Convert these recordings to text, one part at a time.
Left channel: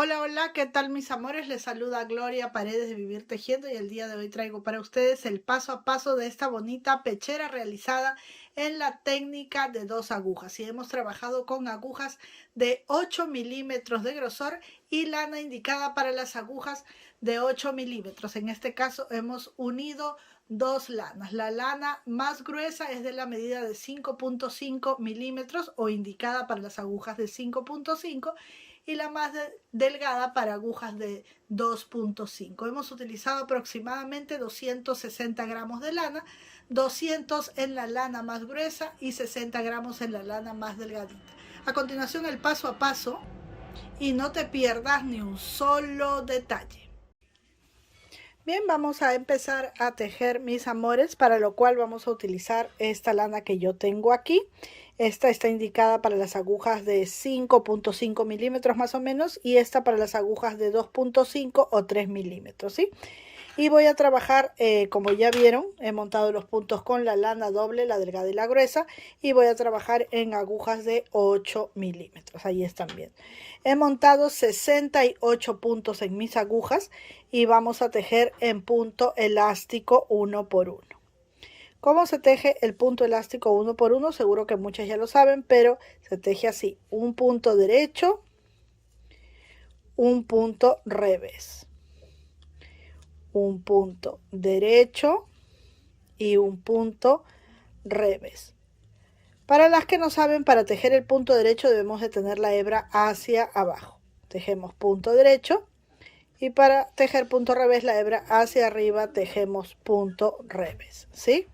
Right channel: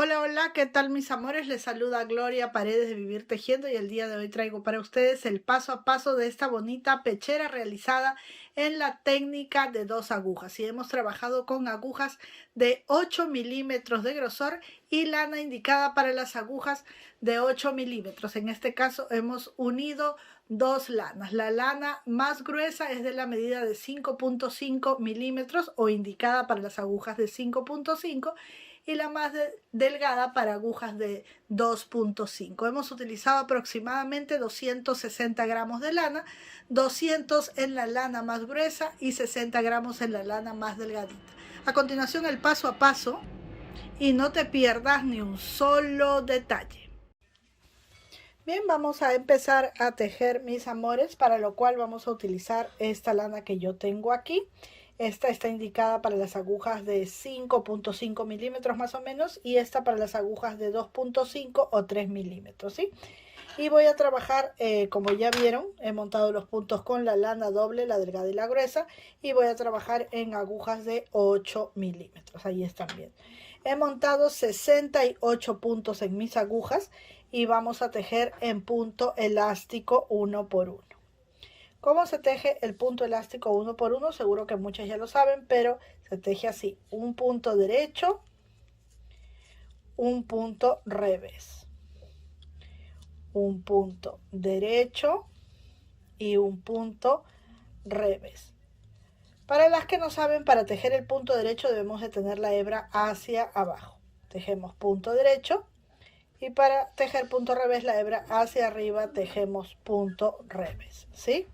Hola, hola, ¿qué tal mis amores? Les saluda Gloria Paredes de Vivir Tejiendo y el día de hoy traigo para ustedes el paso a paso de esta bonita pechera realizada en la técnica de 2 agujas. Y hemos trabajado con agujas de 8 milímetros de grosor y lana indicada para las agujas de 8 milímetros. En este caso hemos unido dos lanas. La lana más gruesa es de la medida de 5.5 milímetros o indicada para las agujas de 5.5 y la más delgada para agujas de 2.5. Hemos utilizado aproximadamente 260 gramos de lana, 200 en la lana más gruesa y 60 gramos en la lana más delgadita. A continuación el paso a paso y no te pierdas ni un solo detalle. Bien, vamos a empezar a tejer mis amores, para lo cual vamos a utilizar esta lana que yo tengo aquí. Esta está indicada para las agujas de 5.5 milímetros más o menos y esta para las agujas de 2.5 o 3 milímetros, ¿sí? Y voy a trabajar, como ya vieron, he montado los puntos con la lana doble, la delgada y la gruesa, y voy a trabajar en agujas de 8 milímetros. Ahí están bien. He montado 68 puntos en mis agujas y vamos a tejer en punto elástico uno por uno. ¿Cómo se teje el punto elástico uno por uno? Seguro que muchas ya lo saben, pero se teje así: un punto derecho, un punto revés, un punto derecho y un punto revés. Para las que no saben, para tejer el punto derecho debemos de tener la hebra hacia abajo. Tejemos punto derecho, y para tejer punto revés, la hebra hacia arriba, tejemos punto revés, ¿sí?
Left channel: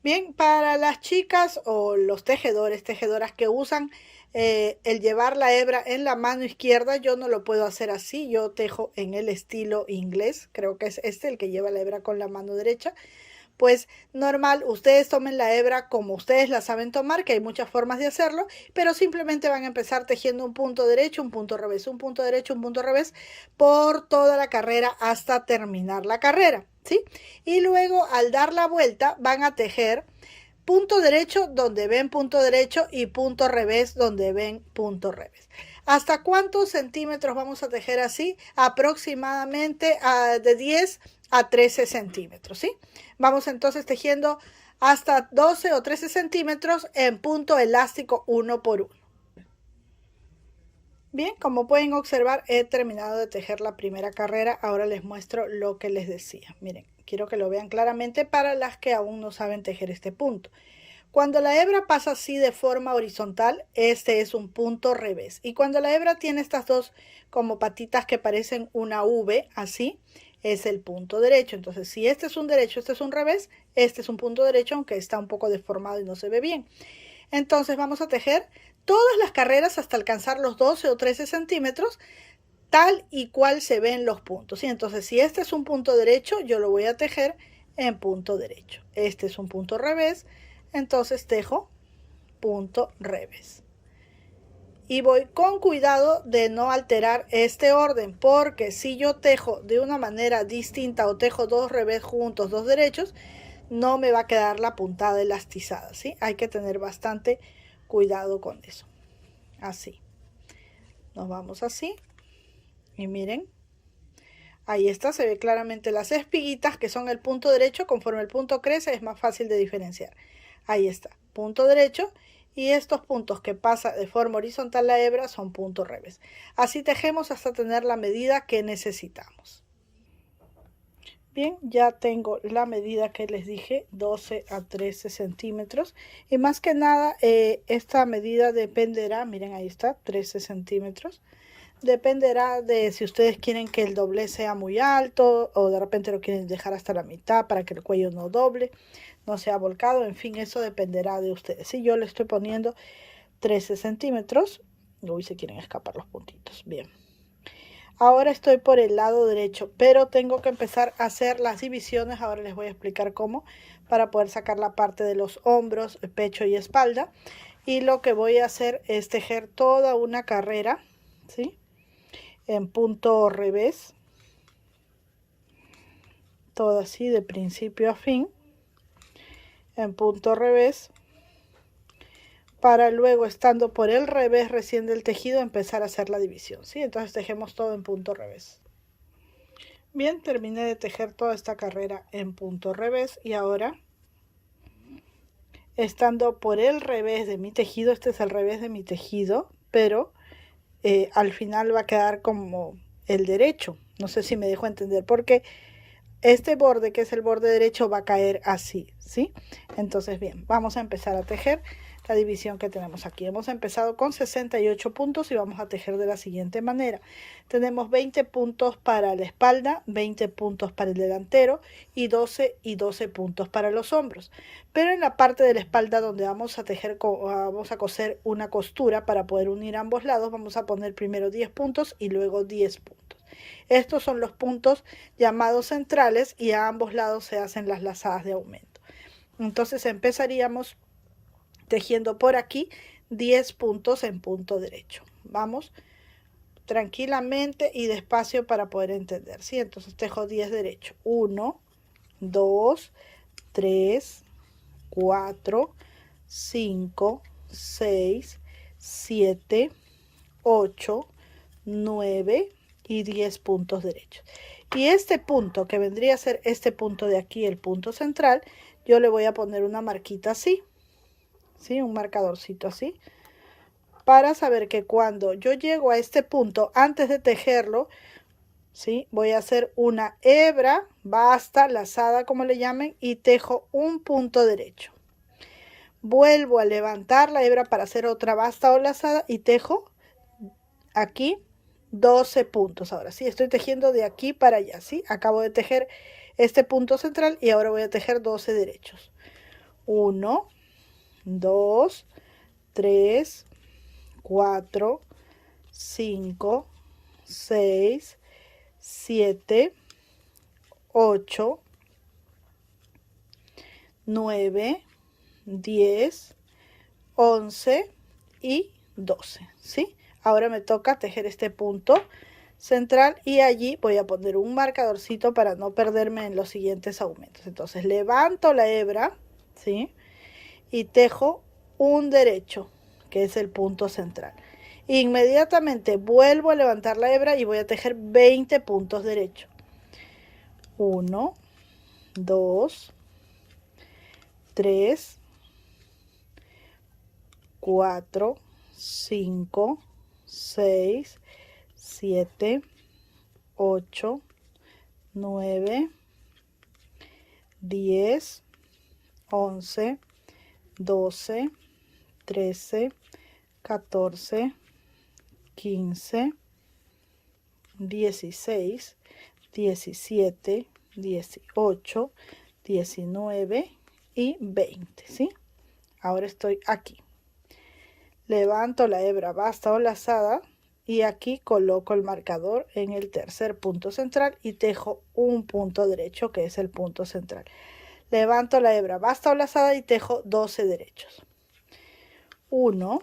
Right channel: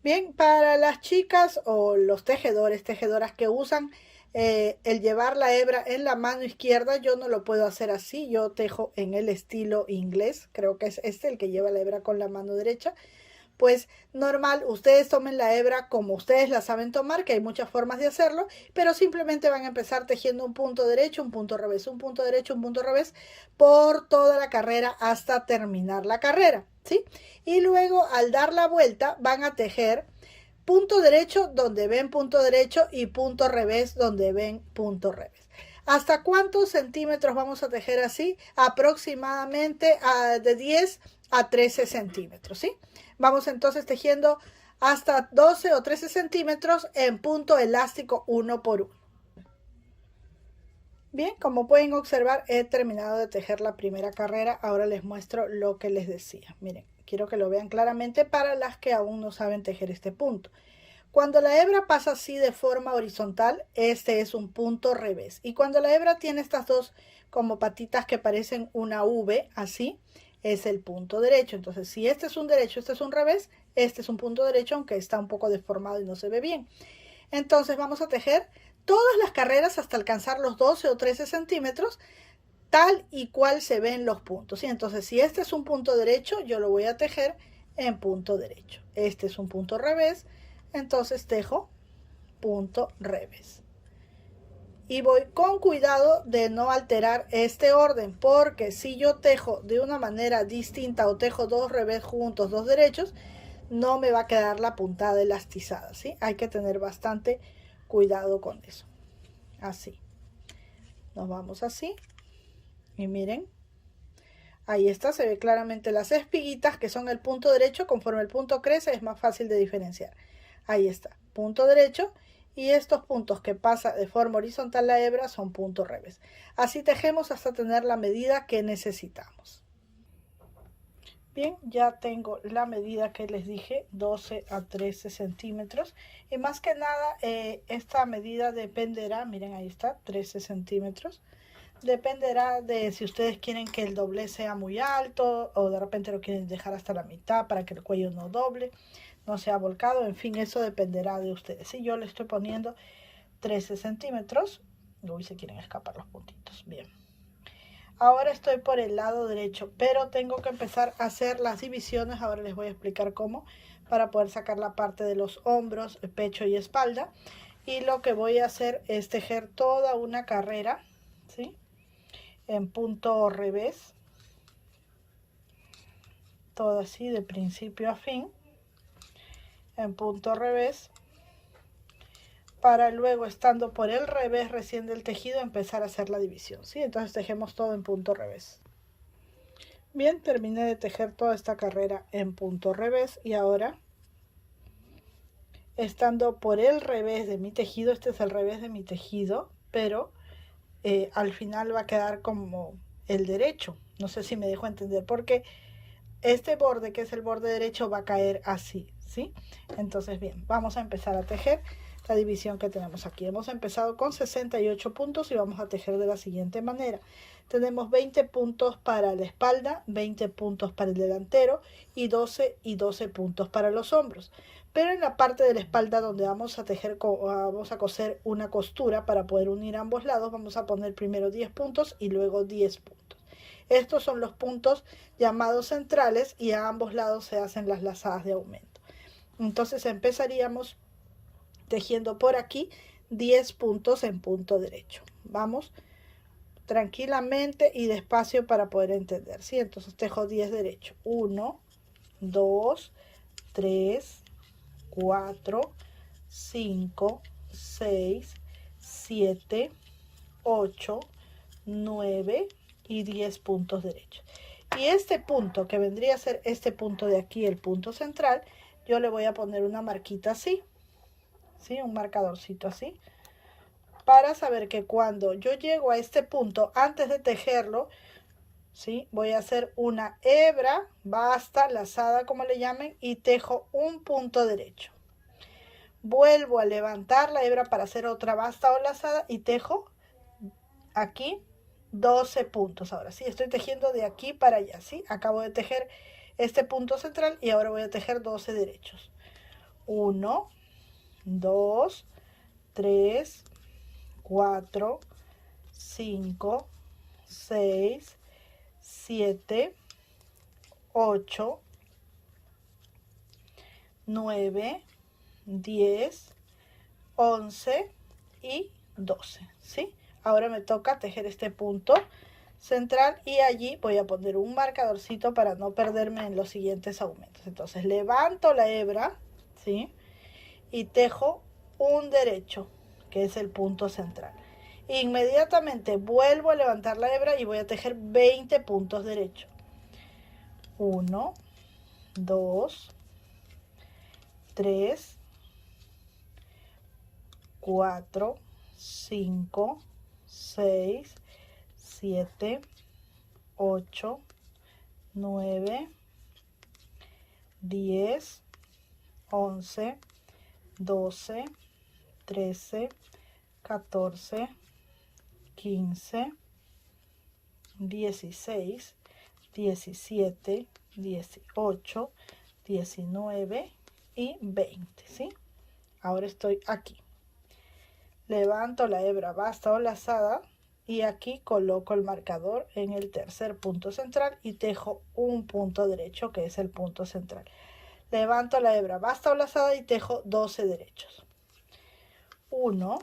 Bien, para las chicas o los tejedores, tejedoras que usan el llevar la hebra en la mano izquierda, yo no lo puedo hacer así. Yo tejo en el estilo inglés, creo que es este el que lleva la hebra con la mano derecha. Pues normal, ustedes tomen la hebra como ustedes la saben tomar, que hay muchas formas de hacerlo, pero simplemente van a empezar tejiendo un punto derecho, un punto revés, un punto derecho, un punto revés por toda la carrera hasta terminar la carrera, ¿sí? Y luego al dar la vuelta van a tejer punto derecho donde ven punto derecho y punto revés donde ven punto revés. ¿Hasta cuántos centímetros vamos a tejer así? Aproximadamente de 10 a 13 centímetros, ¿sí? Vamos entonces tejiendo hasta 12 o 13 centímetros en punto elástico uno por uno. Bien, como pueden observar, he terminado de tejer la primera carrera. Ahora les muestro lo que les decía. Miren, quiero que lo vean claramente para las que aún no saben tejer este punto. Cuando la hebra pasa así de forma horizontal, este es un punto revés. Y cuando la hebra tiene estas dos como patitas que parecen una V, así, es el punto derecho. Entonces, si este es un derecho, este es un revés, este es un punto derecho, aunque está un poco deformado y no se ve bien. Entonces vamos a tejer todas las carreras hasta alcanzar los 12 o 13 centímetros, tal y cual se ven los puntos. Y entonces, si este es un punto derecho, yo lo voy a tejer en punto derecho. Este es un punto revés, entonces tejo punto revés. Y voy con cuidado de no alterar este orden, porque si yo tejo de una manera distinta o tejo dos revés juntos, dos derechos, no me va a quedar la puntada elastizada, ¿sí? Hay que tener bastante cuidado con eso. Así. Nos vamos así. Y miren. Ahí está, se ve claramente las espiguitas que son el punto derecho. Conforme el punto crece es más fácil de diferenciar. Ahí está, punto derecho. Y estos puntos que pasa de forma horizontal la hebra son punto revés. Así tejemos hasta tener la medida que necesitamos. Bien, ya tengo la medida que les dije, 12 a 13 centímetros. Y más que nada, esta medida dependerá, miren ahí está, 13 centímetros. Dependerá de si ustedes quieren que el doblez sea muy alto o de repente lo quieren dejar hasta la mitad para que el cuello no doble, no sea volcado. En fin, eso dependerá de ustedes. Si yo le estoy poniendo 13 centímetros, uy, se quieren escapar los puntitos. Bien. Ahora estoy por el lado derecho, pero tengo que empezar a hacer las divisiones. Ahora les voy a explicar cómo, para poder sacar la parte de los hombros, el pecho y espalda. Y lo que voy a hacer es tejer toda una carrera, ¿sí?, en punto revés, todo así de principio a fin, en punto revés, para luego, estando por el revés recién del tejido, empezar a hacer la división, ¿sí? Entonces tejemos todo en punto revés. Bien, terminé de tejer toda esta carrera en punto revés y ahora, estando por el revés de mi tejido, este es el revés de mi tejido, pero al final va a quedar como el derecho. No sé si me dejo entender, porque este borde, que es el borde derecho, va a caer así, ¿sí? Entonces, bien, vamos a empezar a tejer la división que tenemos aquí. Hemos empezado con 68 puntos y vamos a tejer de la siguiente manera. Tenemos 20 puntos para la espalda, 20 puntos para el delantero y 12 puntos para los hombros. Pero en la parte de la espalda donde vamos a tejer, vamos a coser una costura para poder unir ambos lados, vamos a poner primero 10 puntos y luego 10 puntos. Estos son los puntos llamados centrales y a ambos lados se hacen las lazadas de aumento. Entonces empezaríamos tejiendo por aquí 10 puntos en punto derecho. Vamos tranquilamente y despacio para poder entender, ¿sí? Entonces tejo 10 derecho. 1, 2, 3, 4, 5, 6, 7, 8, 9 y 10 puntos derechos. Y este punto, que vendría a ser este punto de aquí, el punto central, yo le voy a poner una marquita así, ¿sí? Un marcadorcito así, para saber que cuando yo llego a este punto, antes de tejerlo, ¿sí? Voy a hacer una hebra, basta, lazada como le llamen, y tejo un punto derecho. Vuelvo a levantar la hebra para hacer otra basta o lazada y tejo aquí 12 puntos. Ahora sí, estoy tejiendo de aquí para allá, ¿sí? Acabo de tejer este punto central y ahora voy a tejer 12 derechos. 1, 2, 3, 4, 5, 6, 7, 8, 9, 10, 11 y 12, ¿sí? Ahora me toca tejer este punto central y allí voy a poner un marcadorcito para no perderme en los siguientes aumentos. Entonces levanto la hebra, ¿sí? Y tejo un derecho, que es el punto central. Inmediatamente vuelvo a levantar la hebra y voy a tejer 20 puntos derechos. 1, 2, 3, 4, 5, 6, 7, 8, 9, 10, 11, 12, 13, 14, 15, 16, 17, 18, 19 y 20, ¿sí? Ahora estoy aquí. Levanto la hebra basta o lazada y aquí coloco el marcador en el tercer punto central y tejo un punto derecho, que es el punto central. Levanto la hebra basta o lazada y tejo 12 derechos. 1,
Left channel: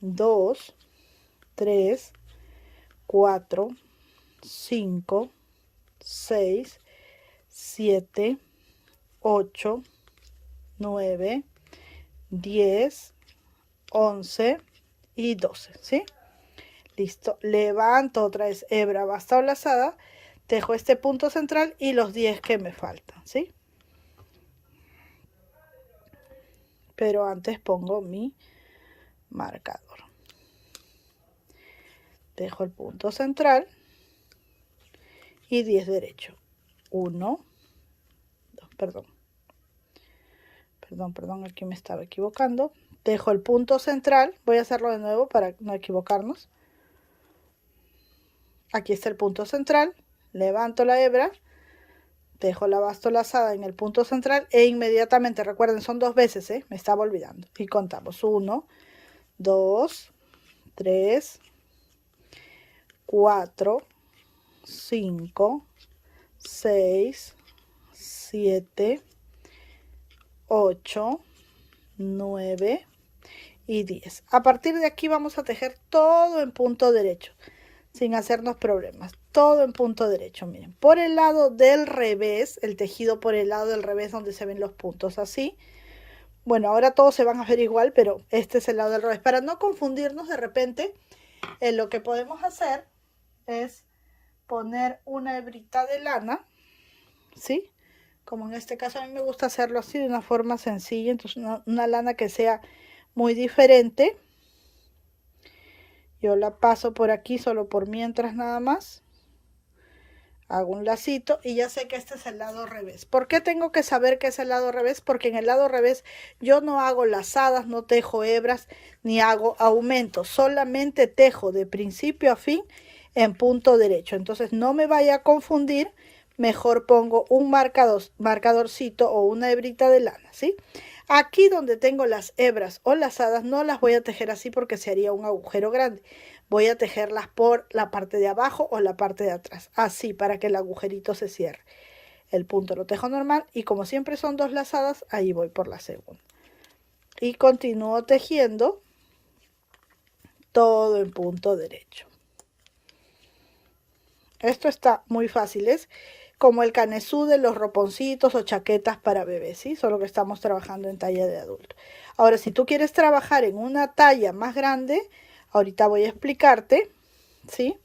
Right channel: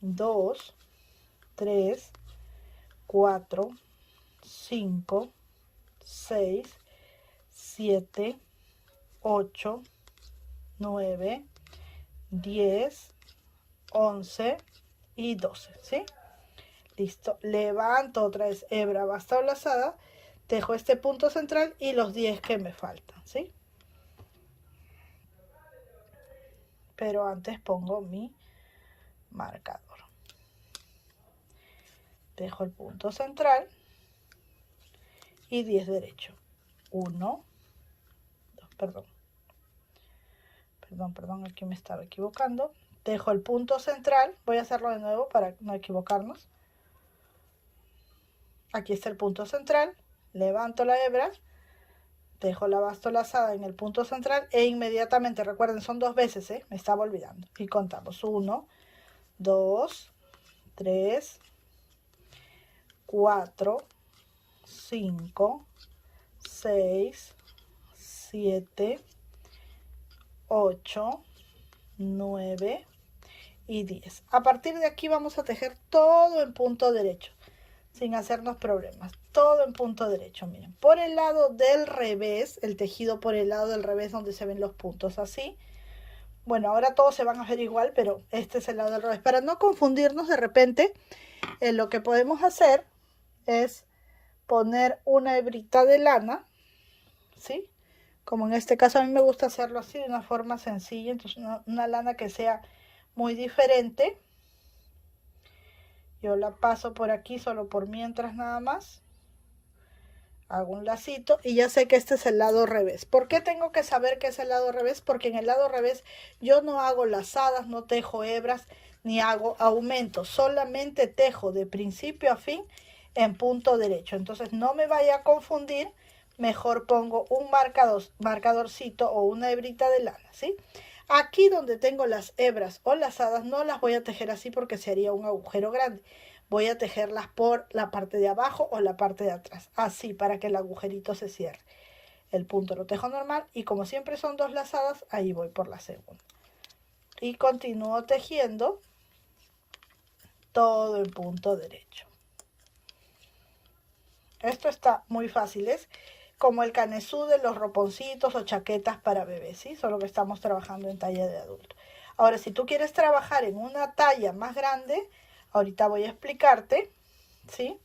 2, 3, 4, 5, 6, 7, 8, 9, 10, 11 y 12, ¿sí? Listo. Levanto otra vez hebra basta o lazada, tejo este punto central y los 10 que me faltan, ¿sí? Pero antes pongo mi marcador. Tejo el punto central y 10 derecho. 1, 2, perdón, aquí me estaba equivocando. Tejo el punto central, voy a hacerlo de nuevo para no equivocarnos. Aquí está el punto central, levanto la hebra, tejo la basta lazada en el punto central e inmediatamente, recuerden, son 2 veces, me estaba olvidando. Y contamos 1, 2, 3, 4, 5, 6, 7, 8, 9 y 10. A partir de aquí vamos a tejer todo en punto derecho, sin hacernos problemas, todo en punto derecho. Miren, por el lado del revés, el tejido por el lado del revés donde se ven los puntos así, Bueno, ahora todos se van a ver igual, pero este es el lado del revés. Para no confundirnos de repente, lo que podemos hacer es poner una hebrita de lana, ¿sí? Como en este caso a mí me gusta hacerlo así de una forma sencilla, entonces una lana que sea muy diferente. Yo la paso por aquí solo por mientras nada más. Hago un lacito y ya sé que este es el lado revés. ¿Por qué tengo que saber que es el lado revés? Porque en el lado revés yo no hago lazadas, no tejo hebras, ni hago aumentos. Solamente tejo de principio a fin en punto derecho. Entonces no me vaya a confundir. Mejor pongo un marcadorcito o una hebrita de lana, ¿sí? Aquí donde tengo las hebras o lazadas no las voy a tejer así porque se haría un agujero grande. Voy a tejerlas por la parte de abajo o la parte de atrás, así para que el agujerito se cierre. El punto lo tejo normal y como siempre son dos lazadas, ahí voy por la segunda. Y continúo tejiendo todo en punto derecho. Esto está muy fácil, es como el canesú de los roponcitos o chaquetas para bebés, ¿sí? Solo que estamos trabajando en talla de adulto. Ahora, si tú quieres trabajar en una talla más grande, ahorita voy a explicarte, ¿sí?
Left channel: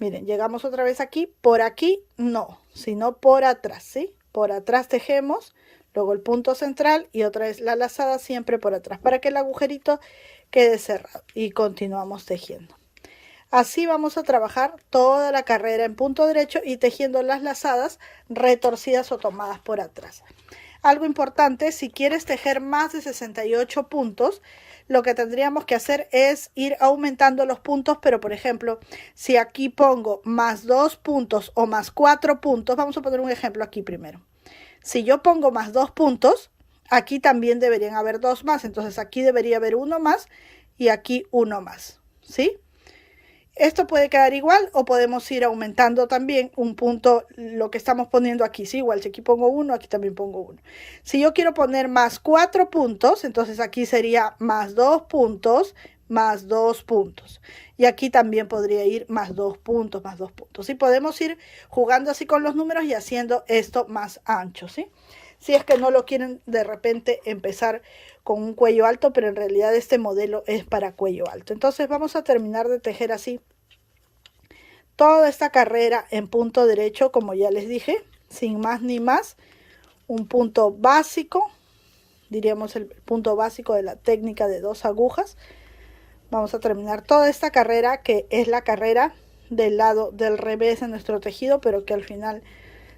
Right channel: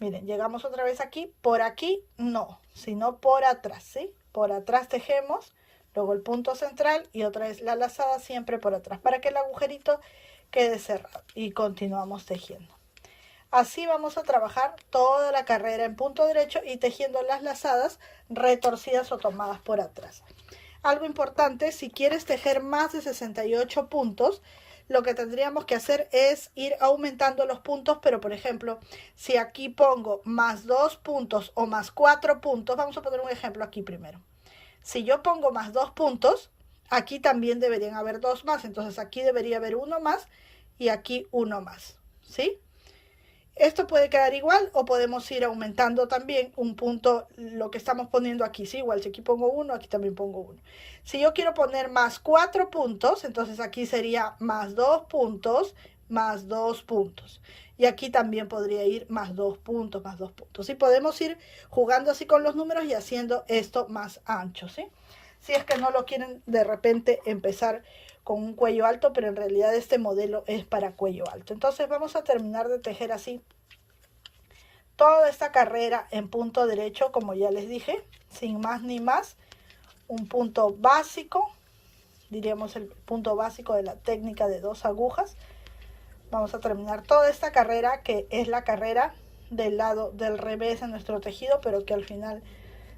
Miren, llegamos otra vez aquí. Por aquí no, sino por atrás, ¿sí? Por atrás tejemos, luego el punto central y otra vez la lazada siempre por atrás, para que el agujerito quede cerrado. Y continuamos tejiendo. Así vamos a trabajar toda la carrera en punto derecho y tejiendo las lazadas retorcidas o tomadas por atrás. Algo importante, si quieres tejer más de 68 puntos, lo que tendríamos que hacer es ir aumentando los puntos, pero por ejemplo, si aquí pongo más 2 puntos o más 4 puntos, vamos a poner un ejemplo aquí primero. Si yo pongo más 2 puntos, aquí también deberían haber 2 más, entonces aquí debería haber 1 más y aquí 1 más, ¿sí? Esto puede quedar igual o podemos ir aumentando también un punto, lo que estamos poniendo aquí, ¿sí? Igual si aquí pongo 1, aquí también pongo 1. Si yo quiero poner más 4 puntos, entonces aquí sería más 2 puntos, más 2 puntos. Y aquí también podría ir más 2 puntos, más 2 puntos. Y podemos ir jugando así con los números y haciendo esto más ancho, ¿sí? Si es que no lo quieren de repente empezar con un cuello alto, pero en realidad este modelo es para cuello alto. Entonces vamos a terminar de tejer así toda esta carrera en punto derecho, como ya les dije, sin más ni más. Un punto básico, diríamos el punto básico de la técnica de 2 agujas. Vamos a terminar toda esta carrera, que es la carrera del lado del revés de nuestro tejido, pero que al final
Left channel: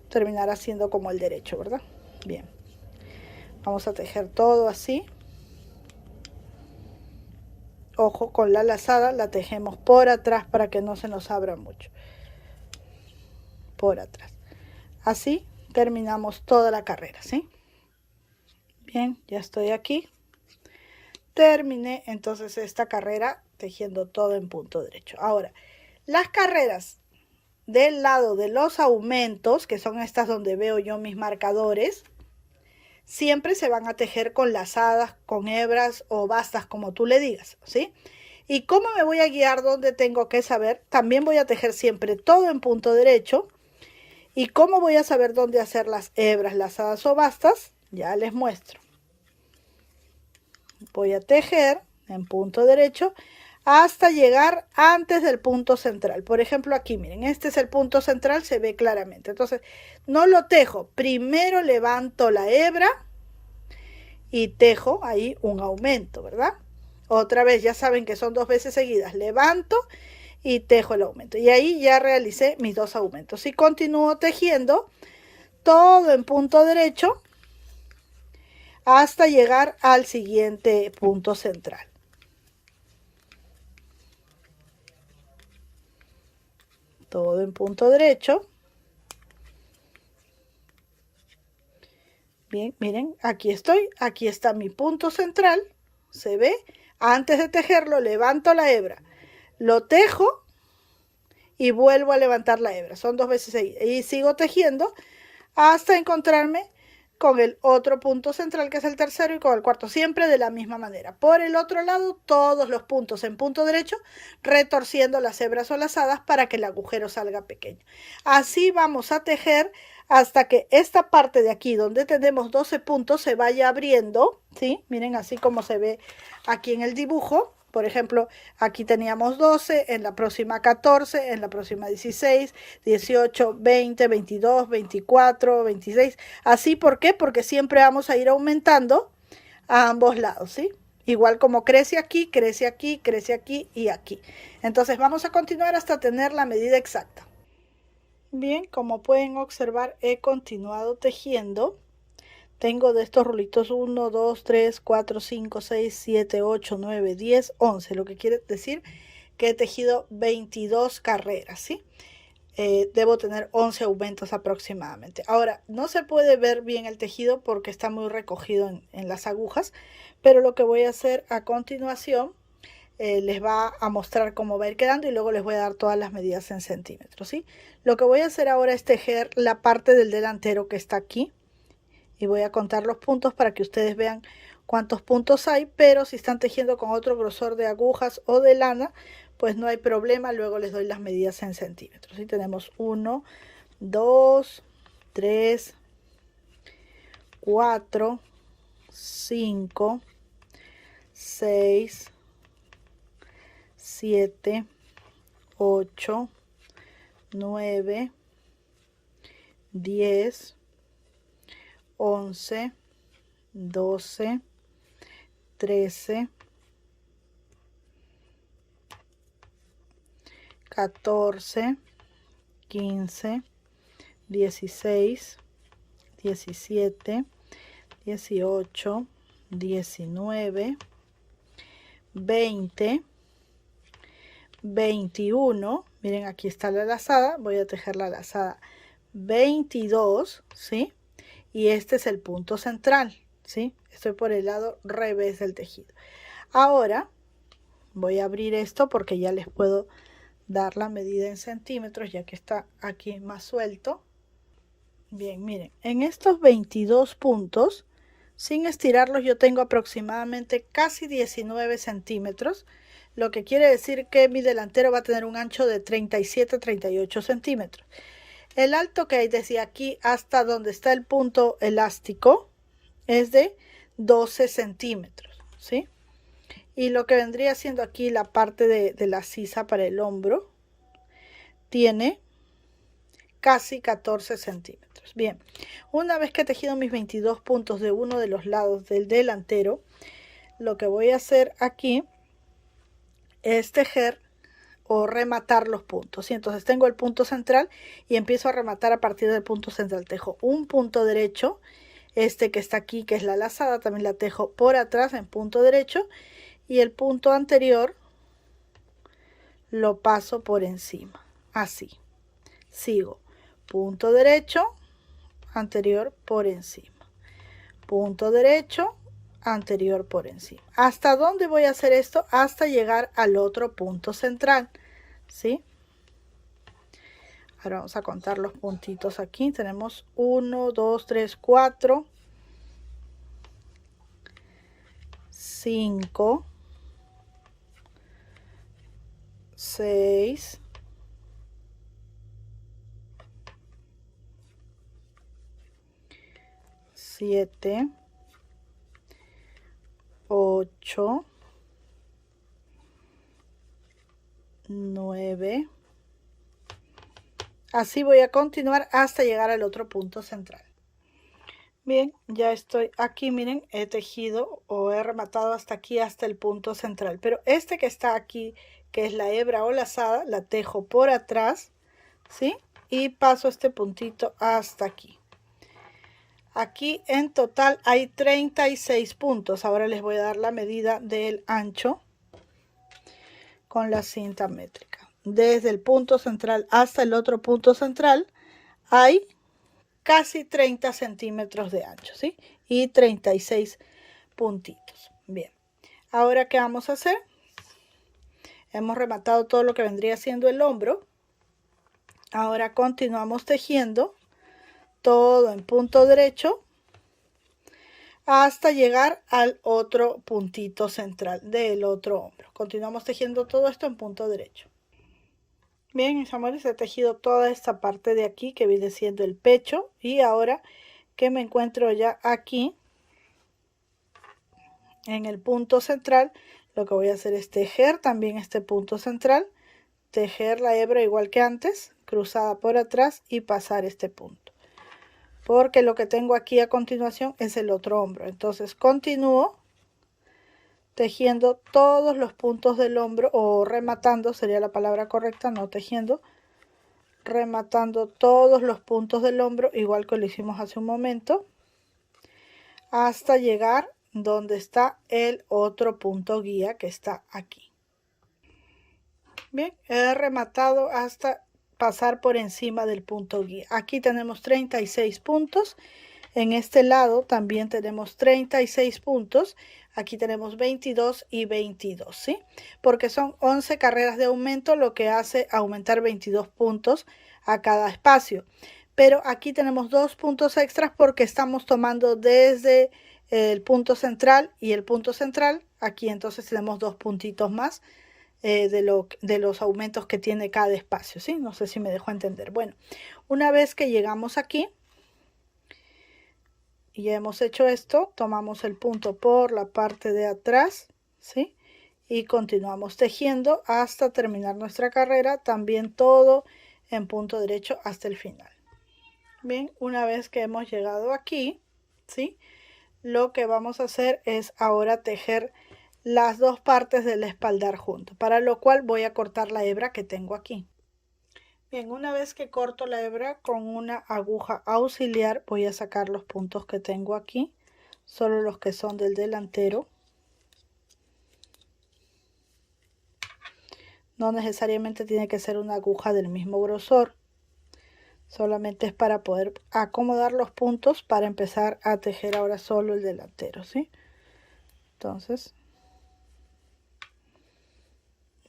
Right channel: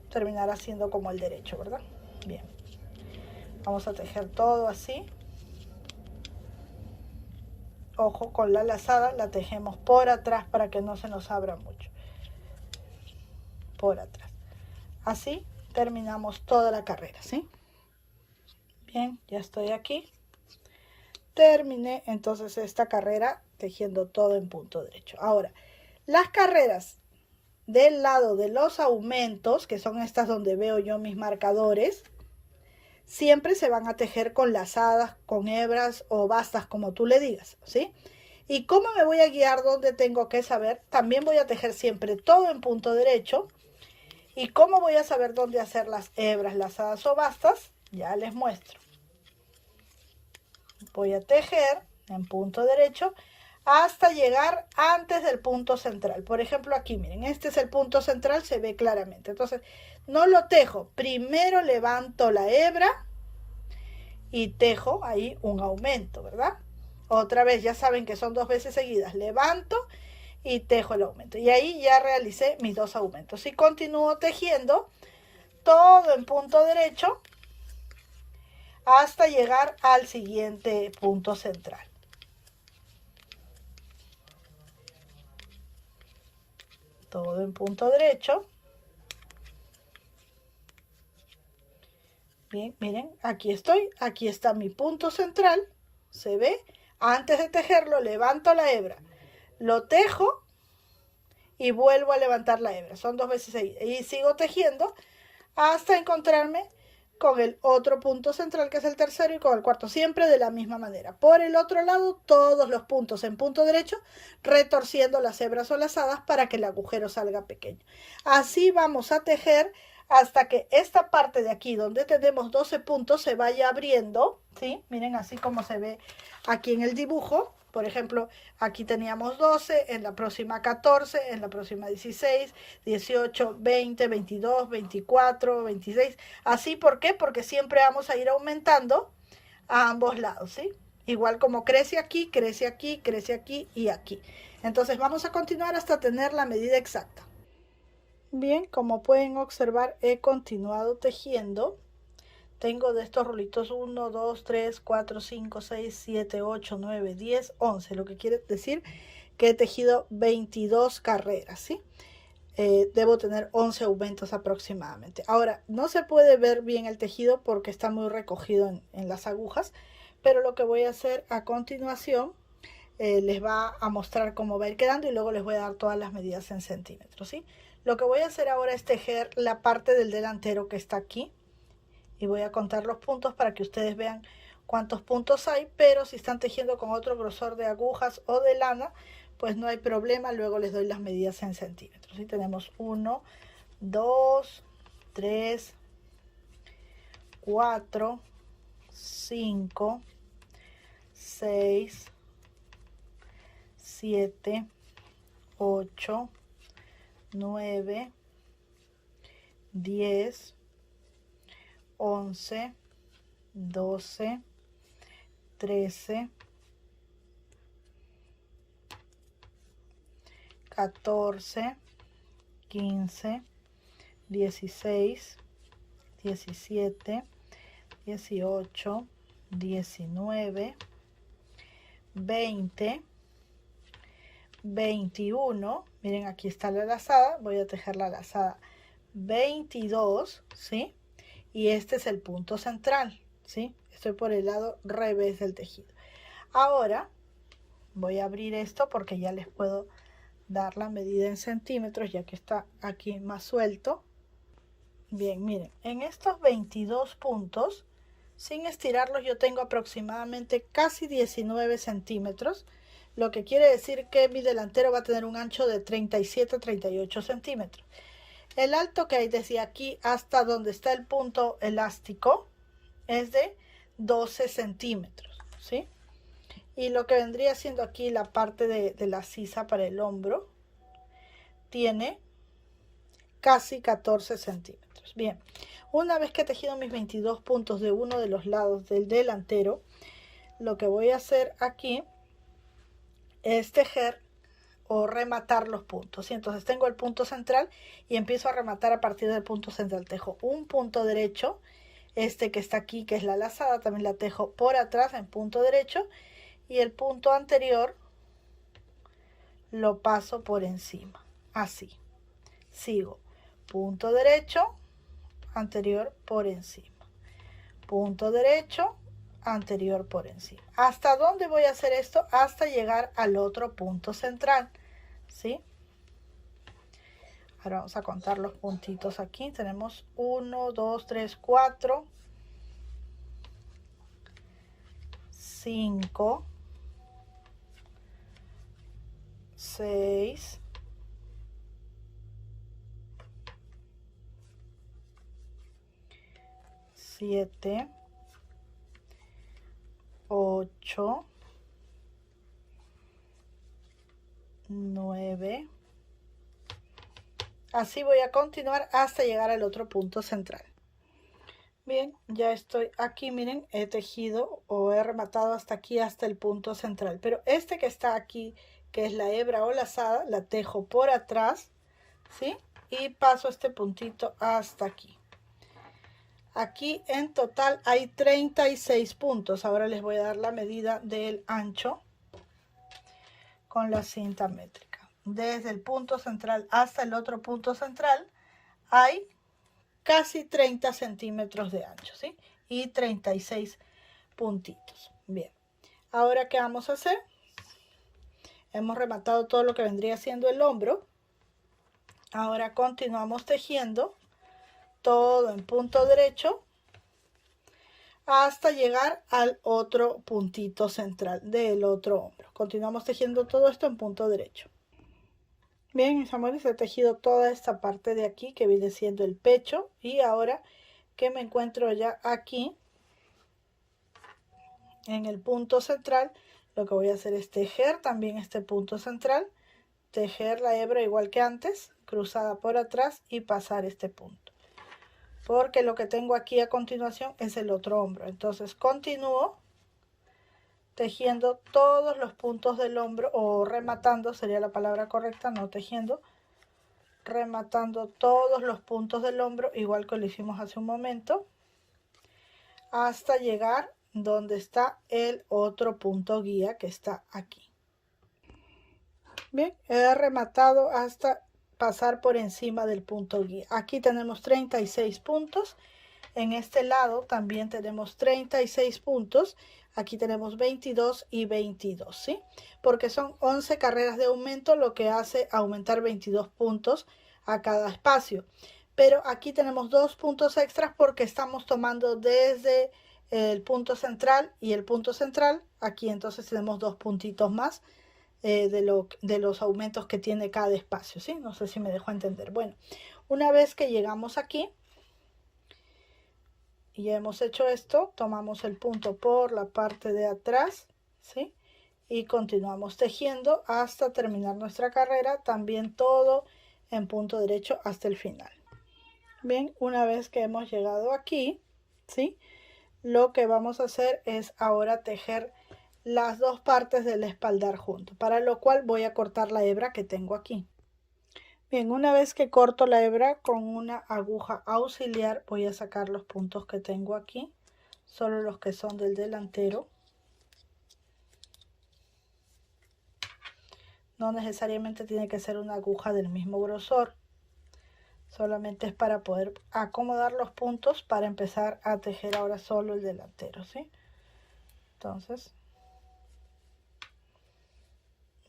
terminará siendo como el derecho, ¿verdad? Bien, vamos a tejer todo así. Ojo, con la lazada la tejemos por atrás para que no se nos abra mucho. Por atrás. Así terminamos toda la carrera, ¿sí? Bien, ya estoy aquí. Terminé entonces esta carrera tejiendo todo en punto derecho. Ahora, las carreras del lado de los aumentos, que son estas donde veo yo mis marcadores, siempre se van a tejer con lazadas, con hebras o bastas, como tú le digas, ¿sí? ¿Y cómo me voy a guiar donde tengo que saber? También voy a tejer siempre todo en punto derecho. ¿Y cómo voy a saber dónde hacer las hebras, lazadas o bastas? Ya les muestro. Voy a tejer en punto derecho hasta llegar antes del punto central. Por ejemplo, aquí, miren, este es el punto central, se ve claramente. Entonces, no lo tejo. Primero levanto la hebra y tejo ahí un aumento, ¿verdad? Otra vez, ya saben que son 2 veces seguidas. Levanto y tejo el aumento. Y ahí ya realicé mis 2 aumentos. Y continúo tejiendo todo en punto derecho hasta llegar al siguiente punto central. Todo en punto derecho. Bien, miren, aquí estoy. Aquí está mi punto central. ¿Se ve? Antes de tejerlo, levanto la hebra. Lo tejo y vuelvo a levantar la hebra. Son 2 veces seguidas. Y sigo tejiendo hasta encontrarme con el otro punto central, que es el tercero, y con el cuarto, siempre de la misma manera. Por el otro lado, todos los puntos en punto derecho, retorciendo las hebras o lazadas para que el agujero salga pequeño. Así vamos a tejer hasta que esta parte de aquí donde tenemos 12 puntos se vaya abriendo, ¿sí? Miren así como se ve aquí en el dibujo. Por ejemplo, aquí teníamos 12, en la próxima 14, en la próxima 16, 18, 20, 22, 24, 26. Así, ¿por qué? Porque siempre vamos a ir aumentando a ambos lados, ¿sí? Igual como crece aquí, crece aquí, crece aquí y aquí. Entonces vamos a continuar hasta tener la medida exacta. Bien, como pueden observar, he continuado tejiendo. Tengo de estos rulitos 1, 2, 3, 4, 5, 6, 7, 8, 9, 10, 11. Lo que quiere decir que he tejido 22 carreras, ¿sí? Debo tener 11 aumentos aproximadamente. Ahora, no se puede ver bien el tejido porque está muy recogido en las agujas, pero lo que voy a hacer a continuación les va a mostrar cómo va a ir quedando y luego les voy a dar todas las medidas en centímetros, ¿sí? Lo que voy a hacer ahora es tejer la parte del delantero que está aquí y voy a contar los puntos para que ustedes vean cuántos puntos hay, pero si están tejiendo con otro grosor de agujas o de lana, pues no hay problema, luego les doy las medidas en centímetros. ¿Sí? Tenemos 1, 2, 3, 4, 5, 6, 7, 8, 9, 10, 11, 12, 13, 14, 15, 16, 17, 18, 19, 20, 21. Miren, aquí está la lazada. Voy a tejer la lazada 22, ¿sí? Y este es el punto central, ¿sí? Estoy por el lado revés del tejido. Ahora voy a abrir esto porque ya les puedo dar la medida en centímetros, ya que está aquí más suelto. Bien, miren, en estos 22 puntos, sin estirarlos, yo tengo aproximadamente casi 19 centímetros, lo que quiere decir que mi delantero va a tener un ancho de 37-38 centímetros. El alto que hay desde aquí hasta donde está el punto elástico es de 12 centímetros, ¿sí? Y lo que vendría siendo aquí la parte de la sisa para el hombro tiene casi 14 centímetros. Bien, una vez que he tejido mis 22 puntos de uno de los lados del delantero, lo que voy a hacer aquí es tejer o rematar los puntos. ¿Sí? Entonces tengo el punto central y empiezo a rematar a partir del punto central. Tejo un punto derecho, este que está aquí, que es la lazada, también la tejo por atrás en punto derecho, y el punto anterior lo paso por encima, así. Sigo punto derecho, anterior por encima, punto derecho, anterior por encima. ¿Hasta dónde voy a hacer esto? Hasta llegar al otro punto central, ¿sí? Ahora vamos a contar los puntitos aquí. Tenemos 1, 2, 3, 4, 5, 6, 7, 8, 9. Así voy a continuar hasta llegar al otro punto central. Bien, ya estoy aquí, miren, he tejido o he rematado hasta aquí, hasta el punto central. Pero este que está aquí, que es la hebra o lazada, la tejo por atrás, ¿sí? Y paso este puntito hasta aquí. Aquí en total hay 36 puntos. Ahora les voy a dar la medida del ancho con la cinta métrica. Desde el punto central hasta el otro punto central hay casi 30 centímetros de ancho, ¿sí? Y 36 puntitos. Bien, ahora ¿qué vamos a hacer? Hemos rematado todo lo que vendría siendo el hombro. Ahora continuamos tejiendo todo en punto derecho hasta llegar al otro puntito central del otro hombro. Continuamos tejiendo todo esto en punto derecho. Bien, mis amores, he tejido toda esta parte de aquí que viene siendo el pecho, y ahora que me encuentro ya aquí en el punto central, lo que voy a hacer es tejer también este punto central, tejer la hebra igual que antes, cruzada por atrás y pasar este punto, porque lo que tengo aquí a continuación es el otro hombro. Entonces continúo tejiendo todos los puntos del hombro, o rematando sería la palabra correcta, no tejiendo, rematando todos los puntos del hombro igual que lo hicimos hace un momento, hasta llegar donde está el otro punto guía que está aquí. Bien, he rematado hasta pasar por encima del punto guía. Aquí tenemos 36 puntos. En este lado también tenemos 36 puntos. Aquí tenemos 22 y 22, ¿sí? Porque son 11 carreras de aumento, lo que hace aumentar 22 puntos a cada espacio. Pero aquí tenemos 2 puntos extras porque estamos tomando desde el punto central y el punto central. Aquí entonces tenemos 2 puntitos más de los aumentos que tiene cada espacio, ¿sí? No sé si me dejo entender. Bueno, una vez que llegamos aquí y ya hemos hecho esto, tomamos el punto por la parte de atrás, ¿sí? Y continuamos tejiendo hasta terminar nuestra carrera, también todo en punto derecho hasta el final. Bien, una vez que hemos llegado aquí, ¿sí? Lo que vamos a hacer es ahora tejer las dos partes del espaldar juntos, para lo cual voy a cortar la hebra que tengo aquí. Bien, una vez que corto la hebra con una aguja auxiliar, voy a sacar los puntos que tengo aquí, solo los que son del delantero. No necesariamente tiene que ser una aguja del mismo grosor, solamente es para poder acomodar los puntos para empezar a tejer ahora solo el delantero, ¿sí? Entonces,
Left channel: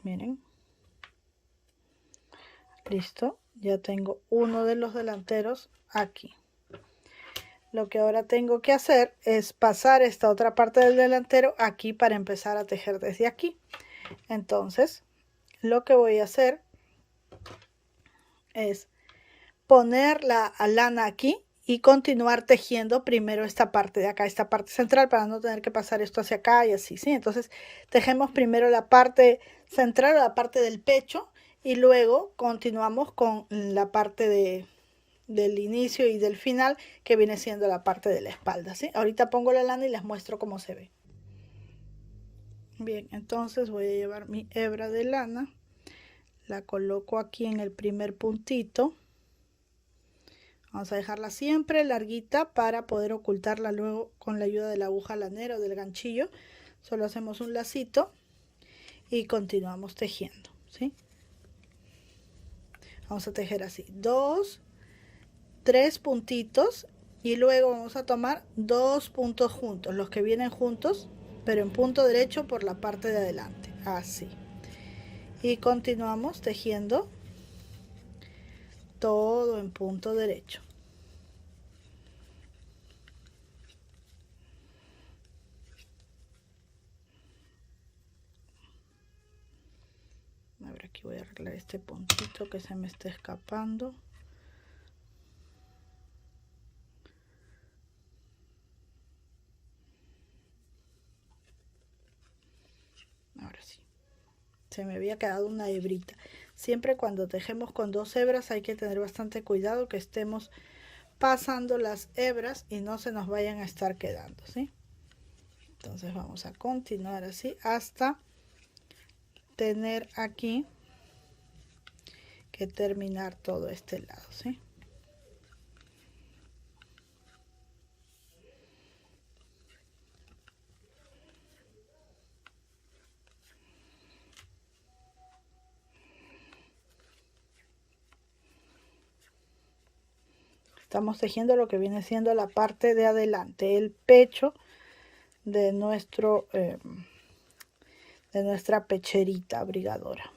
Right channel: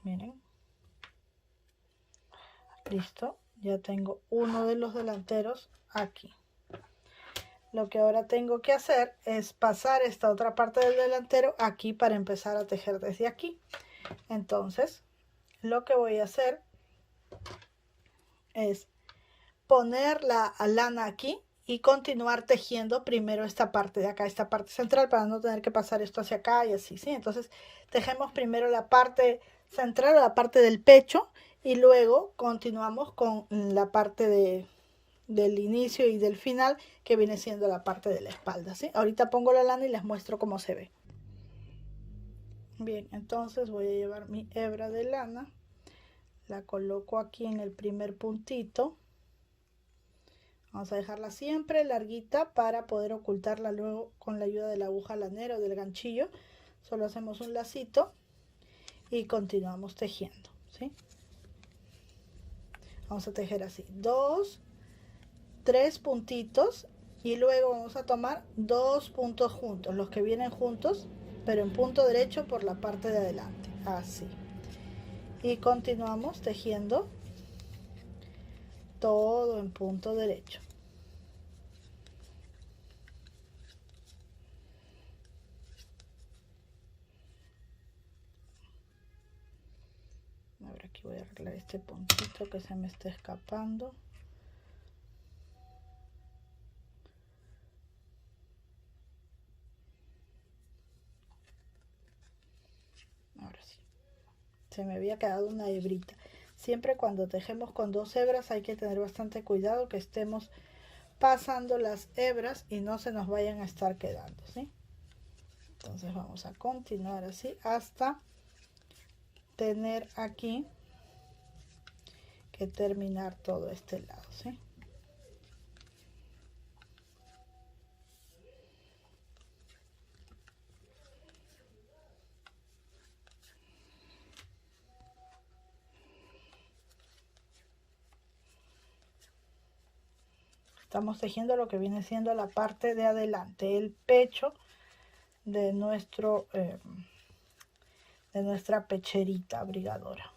miren, listo, ya tengo uno de los delanteros aquí. Lo que ahora tengo que hacer es pasar esta otra parte del delantero aquí para empezar a tejer desde aquí. Entonces, lo que voy a hacer es poner la lana aquí y continuar tejiendo primero esta parte de acá, esta parte central, para no tener que pasar esto hacia acá y así, ¿sí? Entonces, tejemos primero la parte central o la parte del pecho y luego continuamos con la parte del inicio y del final, que viene siendo la parte de la espalda, ¿sí? Ahorita pongo la lana y les muestro cómo se ve. Bien, entonces voy a llevar mi hebra de lana, la coloco aquí en el primer puntito. Vamos a dejarla siempre larguita para poder ocultarla luego con la ayuda de la aguja lanera o del ganchillo. Solo hacemos un lacito y continuamos tejiendo, ¿sí? Vamos a tejer así, 2, 3 puntitos y luego vamos a tomar 2 puntos juntos, los que vienen juntos, pero en punto derecho por la parte de adelante, así. Y continuamos tejiendo todo en punto derecho. A ver, aquí voy a arreglar este puntito que se me está escapando. Ahora sí. Se me había quedado una hebrita. Siempre cuando tejemos con 2 hebras hay que tener bastante cuidado que estemos pasando las hebras y no se nos vayan a estar quedando, ¿sí? Entonces vamos a continuar así hasta tener aquí que terminar todo este lado, ¿sí? Estamos tejiendo lo que viene siendo la parte de adelante, el pecho de nuestra pecherita abrigadora.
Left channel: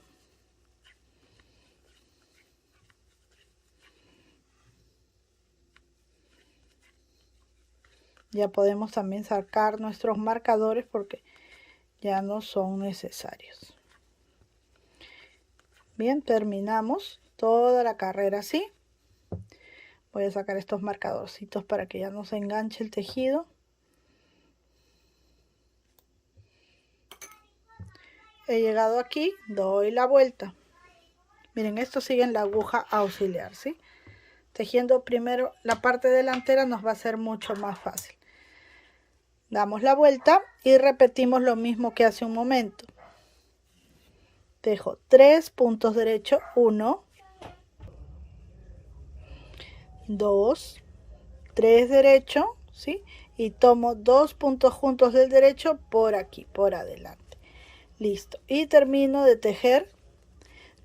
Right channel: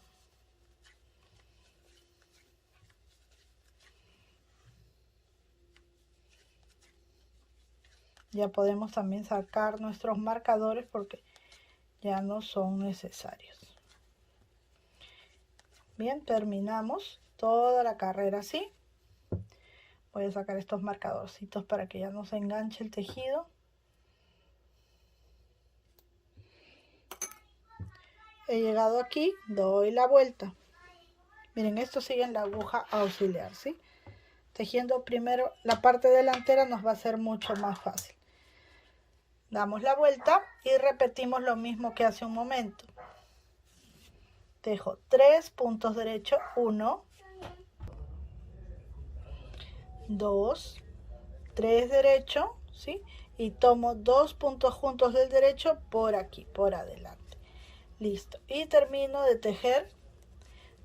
Ya podemos también sacar nuestros marcadores porque ya no son necesarios. Bien, terminamos toda la carrera así. Voy a sacar estos marcadorcitos para que ya no se enganche el tejido. He llegado aquí, doy la vuelta. Miren, esto sigue en la aguja auxiliar, ¿sí? Tejiendo primero la parte delantera nos va a ser mucho más fácil. Damos la vuelta y repetimos lo mismo que hace un momento. Tejo 3 puntos derechos, 1, 2, 3 derecho, ¿sí? Y tomo 2 puntos juntos del derecho por aquí, por adelante. Listo. Y termino de tejer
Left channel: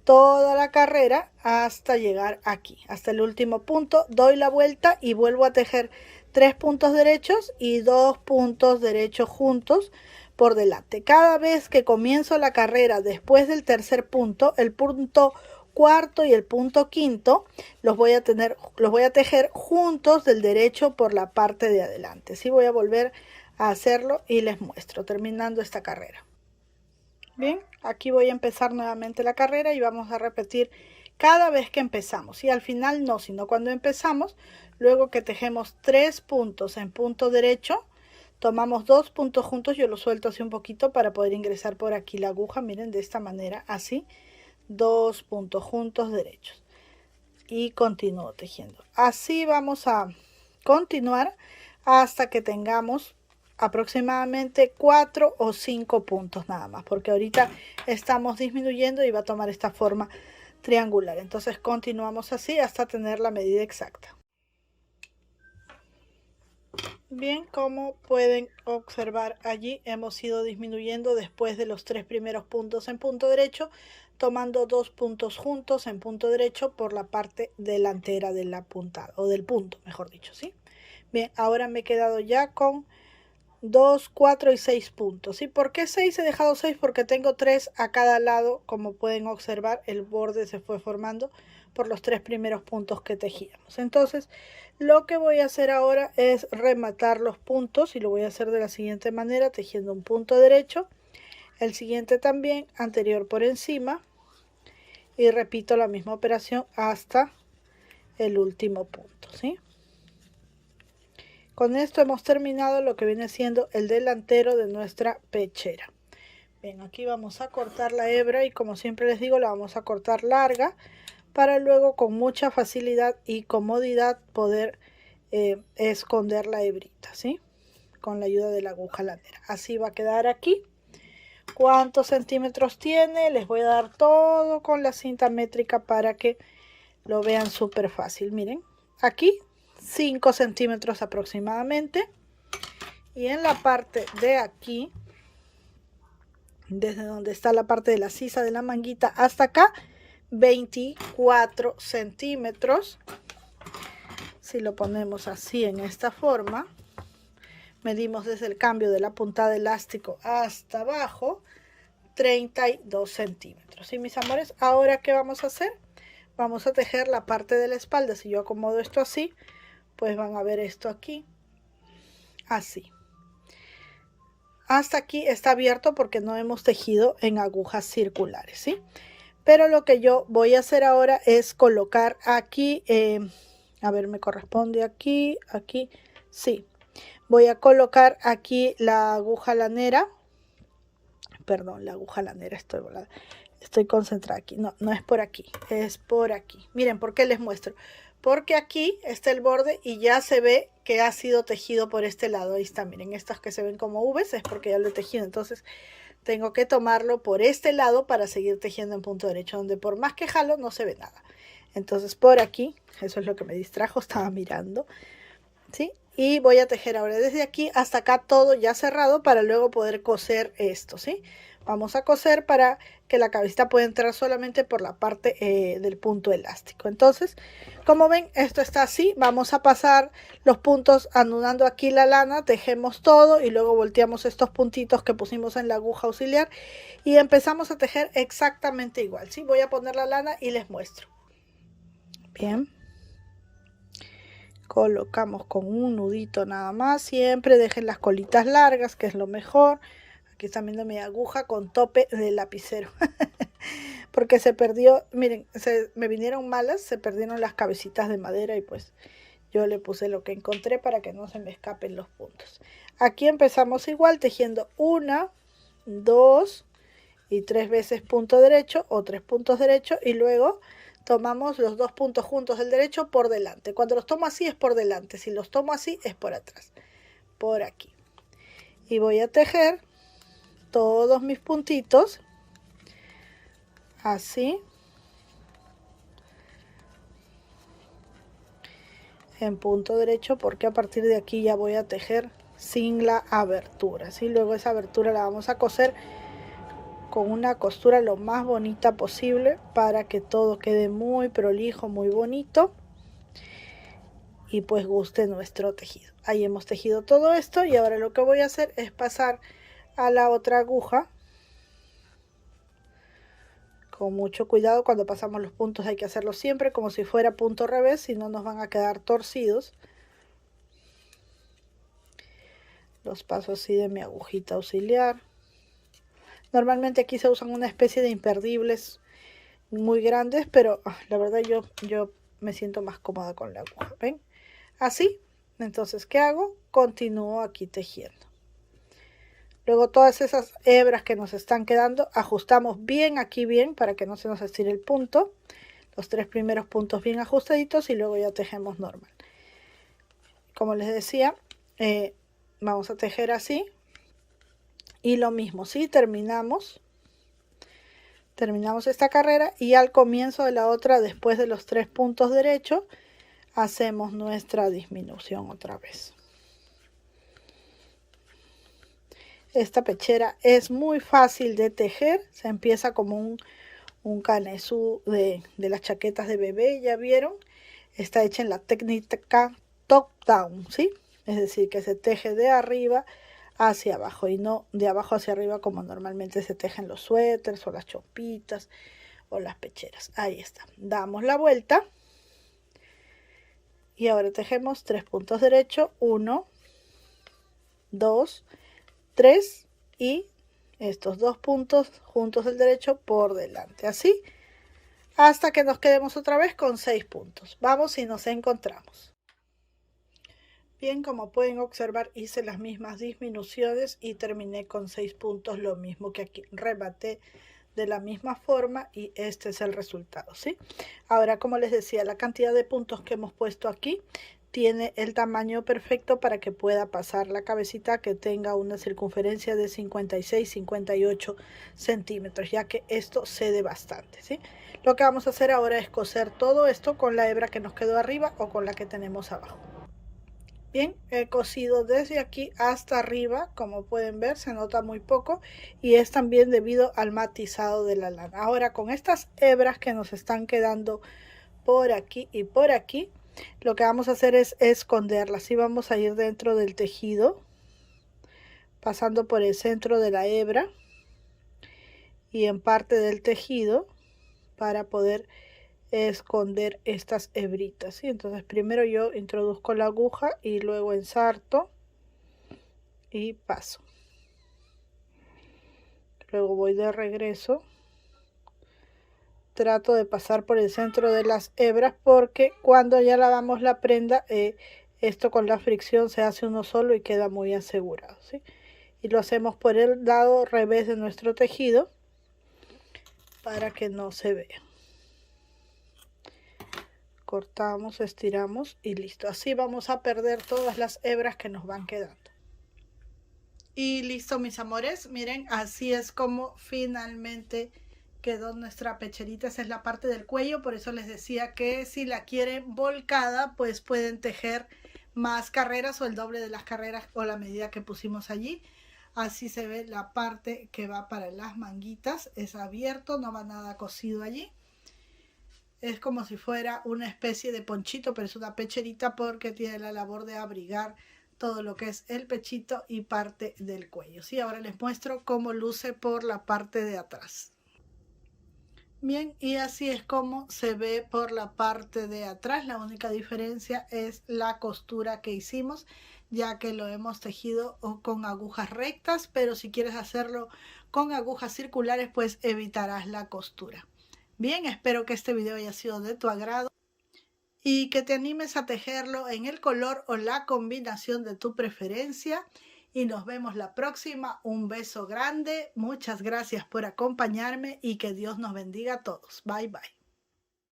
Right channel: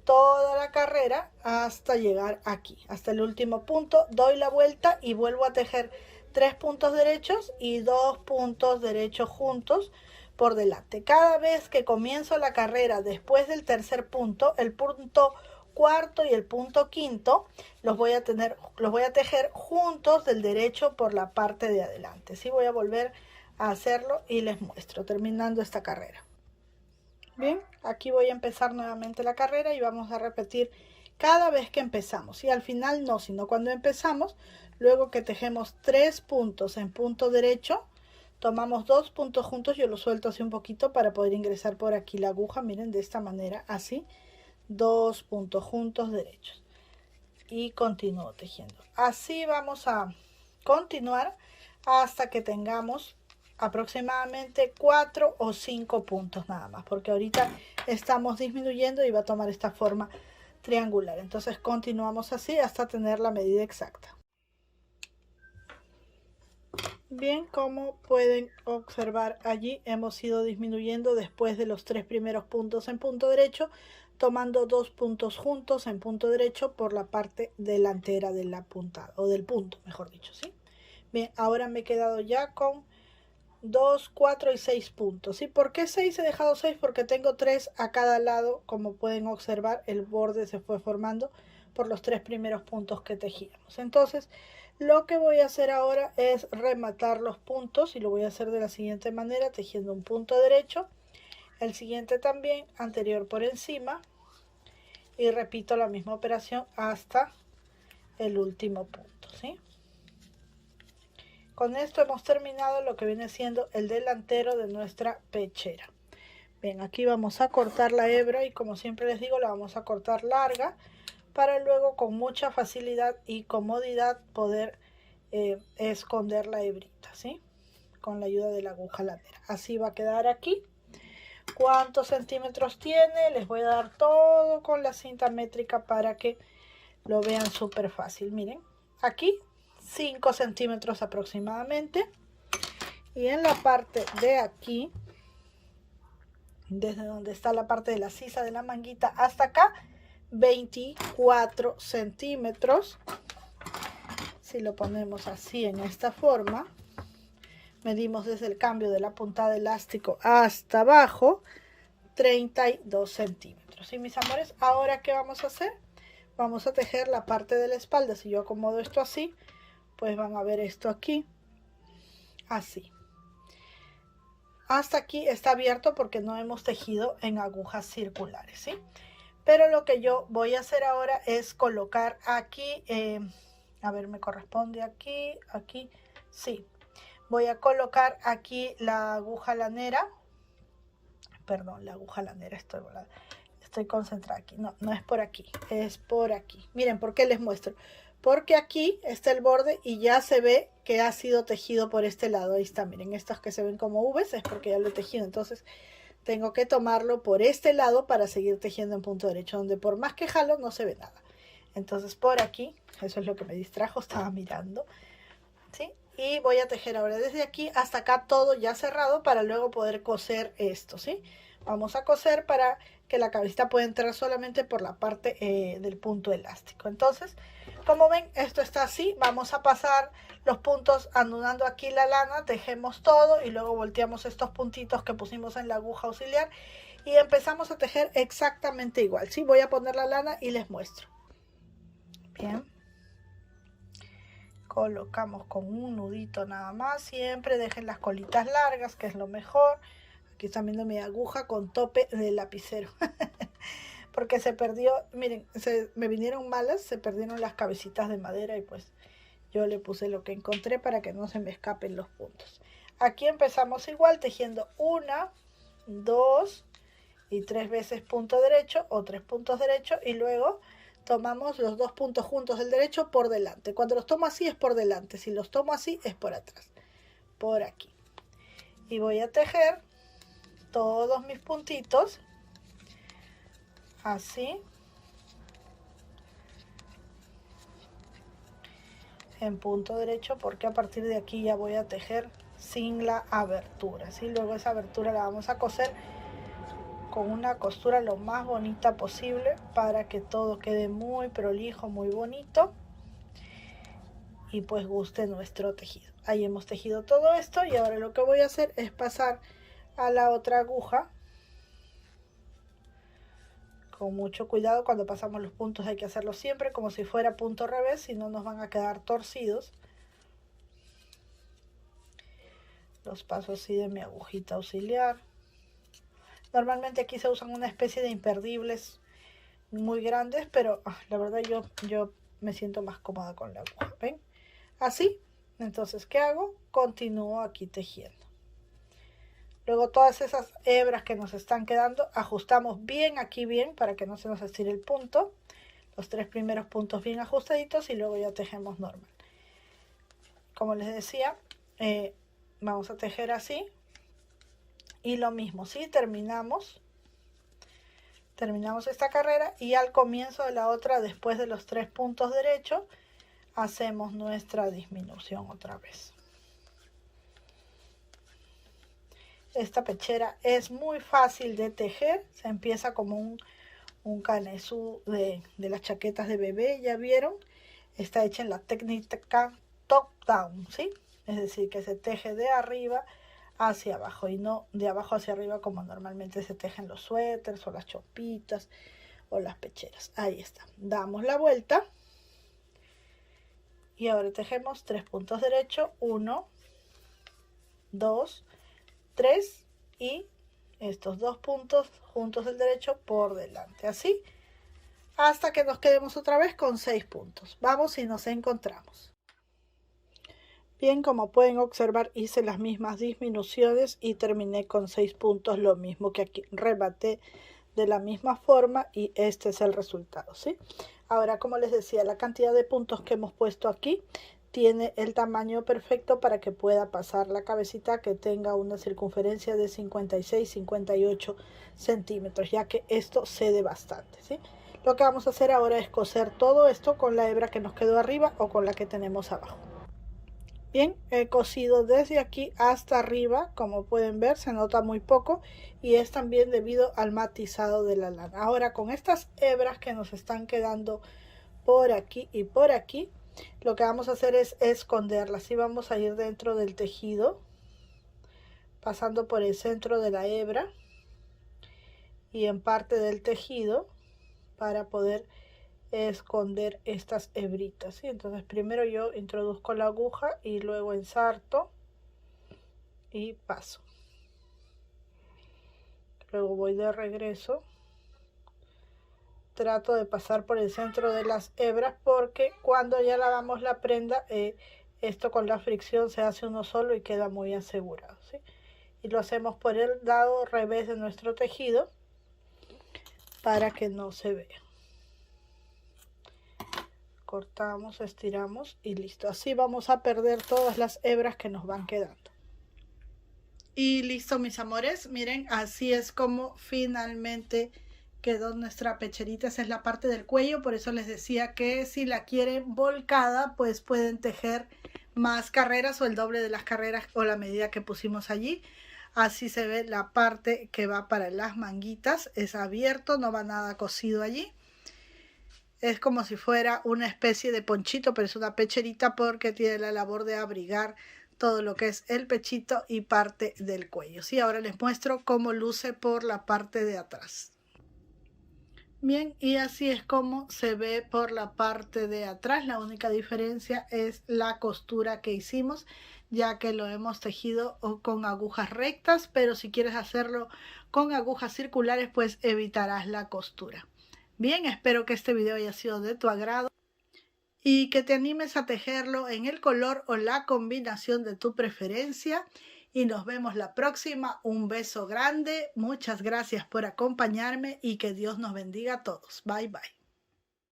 toda la carrera hasta llegar aquí, hasta el último punto. Doy la vuelta y vuelvo a tejer 3 puntos derechos y 2 puntos derechos juntos por delante. Cada vez que comienzo la carrera después del tercer punto, el punto cuarto y el punto quinto los voy a tejer juntos del derecho por la parte de adelante. Sí, voy a volver a hacerlo y les muestro terminando esta carrera. Bien, aquí voy a empezar nuevamente la carrera y vamos a repetir cada vez que empezamos. Y al final no, sino cuando empezamos, luego que tejemos 3 puntos en punto derecho, tomamos 2 puntos juntos. Yo lo suelto así un poquito para poder ingresar por aquí la aguja. Miren, de esta manera, así, 2 puntos juntos derechos. Y continúo tejiendo. Así vamos a continuar hasta que tengamos aproximadamente 4 o 5 puntos nada más, porque ahorita estamos disminuyendo y va a tomar esta forma triangular. Entonces continuamos así hasta tener la medida exacta. Bien, como pueden observar allí hemos ido disminuyendo después de los 3 primeros puntos en punto derecho, tomando 2 puntos juntos en punto derecho por la parte delantera de la puntada, o del punto, mejor dicho, ¿sí? Bien, ahora me he quedado ya con 2, 4 y 6 puntos. ¿Y por qué 6? He dejado 6 porque tengo 3 a cada lado. Como pueden observar, el borde se fue formando por los 3 primeros puntos que tejíamos. Entonces, lo que voy a hacer ahora es rematar los puntos y lo voy a hacer de la siguiente manera, tejiendo un punto derecho, el siguiente también, anterior por encima, y repito la misma operación hasta el último punto, ¿sí? Con esto hemos terminado lo que viene siendo el delantero de nuestra pechera. Bien, aquí vamos a cortar la hebra y como siempre les digo, la vamos a cortar larga para luego con mucha facilidad y comodidad poder esconder la hebrita, ¿sí? Con la ayuda de la aguja lanera. Así va a quedar aquí. ¿Cuántos centímetros tiene? Les voy a dar todo con la cinta métrica para que lo vean súper fácil. Miren, aquí 5 centímetros aproximadamente, y en la parte de aquí, desde donde está la parte de la sisa de la manguita hasta acá, 24 centímetros. Si lo ponemos así en esta forma, medimos desde el cambio de la puntada de elástico hasta abajo 32 centímetros. Y mis amores, ahora ¿qué vamos a hacer? Vamos a tejer la parte de la espalda. Si yo acomodo esto así, pues van a ver esto aquí, así. Hasta aquí está abierto porque no hemos tejido en agujas circulares, ¿sí? Pero lo que yo voy a hacer ahora es colocar aquí, a ver, me corresponde aquí, aquí, sí. Voy a colocar aquí la aguja lanera, perdón, la aguja lanera, estoy concentrada aquí, no es por aquí, es por aquí. Miren, ¿por qué les muestro? Porque aquí está el borde y ya se ve que ha sido tejido por este lado. Ahí está, miren, estas que se ven como V's es porque ya lo he tejido. Entonces tengo que tomarlo por este lado para seguir tejiendo en punto derecho, donde por más que jalo no se ve nada. Entonces por aquí, eso es lo que me distrajo, estaba mirando, ¿sí? Y voy a tejer ahora desde aquí hasta acá todo ya cerrado para luego poder coser esto, ¿sí? Vamos a coser para que la cabecita pueda entrar solamente por la parte del punto elástico. Entonces, como ven, esto está así. Vamos a pasar los puntos anudando aquí la lana, tejemos todo y luego volteamos estos puntitos que pusimos en la aguja auxiliar y empezamos a tejer exactamente igual, ¿sí? Voy a poner la lana y les muestro. Bien. Colocamos con un nudito nada más. Siempre dejen las colitas largas, que es lo mejor. Aquí están viendo mi aguja con tope de lapicero porque se perdió, miren, me vinieron malas, se perdieron las cabecitas de madera y pues yo le puse lo que encontré para que no se me escapen los puntos. Aquí empezamos igual tejiendo 1, 2 y 3 veces punto derecho o 3 puntos derechos y luego tomamos los 2 puntos juntos del derecho por delante. Cuando los tomo así es por delante, si los tomo así es por atrás, por aquí. Y voy a tejer todos mis puntitos así en punto derecho, porque a partir de aquí ya voy a tejer sin la abertura, ¿sí? Luego esa abertura la vamos a coser con una costura lo más bonita posible para que todo quede muy prolijo, muy bonito y pues guste nuestro tejido. Ahí hemos tejido todo esto y ahora lo que voy a hacer es pasar a la otra aguja. Con mucho cuidado, cuando pasamos los puntos hay que hacerlo siempre como si fuera punto revés, si no nos van a quedar torcidos. Los paso así de mi agujita auxiliar. Normalmente aquí se usan una especie de imperdibles muy grandes, pero la verdad yo me siento más cómoda con la aguja. ¿Ven? Así. Entonces, ¿qué hago? Continúo aquí tejiendo. Luego todas esas hebras que nos están quedando, ajustamos bien aquí bien para que no se nos estire el punto. Los 3 primeros puntos bien ajustaditos y luego ya tejemos normal. Como les decía, vamos a tejer así. Y lo mismo, ¿sí? Terminamos esta carrera y al comienzo de la otra, después de los 3 puntos derechos, hacemos nuestra disminución otra vez. Esta pechera es muy fácil de tejer, se empieza como un canesú de las chaquetas de bebé, ya vieron, está hecha en la técnica top down, ¿sí? Es decir, que se teje de arriba hacia abajo y no de abajo hacia arriba como normalmente se tejen los suéteres o las chompitas o las pecheras. Ahí está, damos la vuelta y ahora tejemos 3 puntos derechos, 1, 2, 3 y estos 2 puntos juntos del derecho por delante, así hasta que nos quedemos otra vez con 6 puntos. Vamos y nos encontramos. Bien, como pueden observar, hice las mismas disminuciones y terminé con 6 puntos, lo mismo que aquí, rematé de la misma forma y este es el resultado, ¿sí? Ahora, como les decía, la cantidad de puntos que hemos puesto aquí tiene el tamaño perfecto para que pueda pasar la cabecita, que tenga una circunferencia de 56-58 centímetros, ya que esto cede bastante, ¿sí? Lo que vamos a hacer ahora es coser todo esto con la hebra que nos quedó arriba o con la que tenemos abajo. Bien, he cosido desde aquí hasta arriba, como pueden ver se nota muy poco y es también debido al matizado de la lana. Ahora con estas hebras que nos están quedando por aquí y por aquí, lo que vamos a hacer es esconderlas y vamos a ir dentro del tejido, pasando por el centro de la hebra y en parte del tejido para poder esconder estas hebritas, ¿sí? Entonces primero yo introduzco la aguja y luego ensarto y paso, luego voy de regreso, trato de pasar por el centro de las hebras porque cuando ya lavamos la prenda esto con la fricción se hace uno solo y queda muy asegurado, ¿sí? Y lo hacemos por el lado revés de nuestro tejido para que no se vea. Cortamos, estiramos y listo. Así vamos a perder todas las hebras que nos van quedando. Y listo, mis amores, miren, así es como finalmente quedó nuestra pecherita. Esa es la parte del cuello, por eso les decía que si la quieren volcada, pues pueden tejer más carreras o el doble de las carreras o la medida que pusimos allí. Así se ve la parte que va para las manguitas, es abierto, no va nada cosido allí. Es como si fuera una especie de ponchito, pero es una pecherita porque tiene la labor de abrigar todo lo que es el pechito y parte del cuello. Sí, ahora les muestro cómo luce por la parte de atrás. Bien, y así es como se ve por la parte de atrás. La única diferencia es la costura que hicimos, ya que lo hemos tejido con agujas rectas, pero si quieres hacerlo con agujas circulares, pues evitarás la costura. Bien, espero que este video haya sido de tu agrado y que te animes a tejerlo en el color o la combinación de tu preferencia. Y nos vemos la próxima. Un beso grande. Muchas gracias por acompañarme y que Dios nos bendiga a todos. Bye, bye.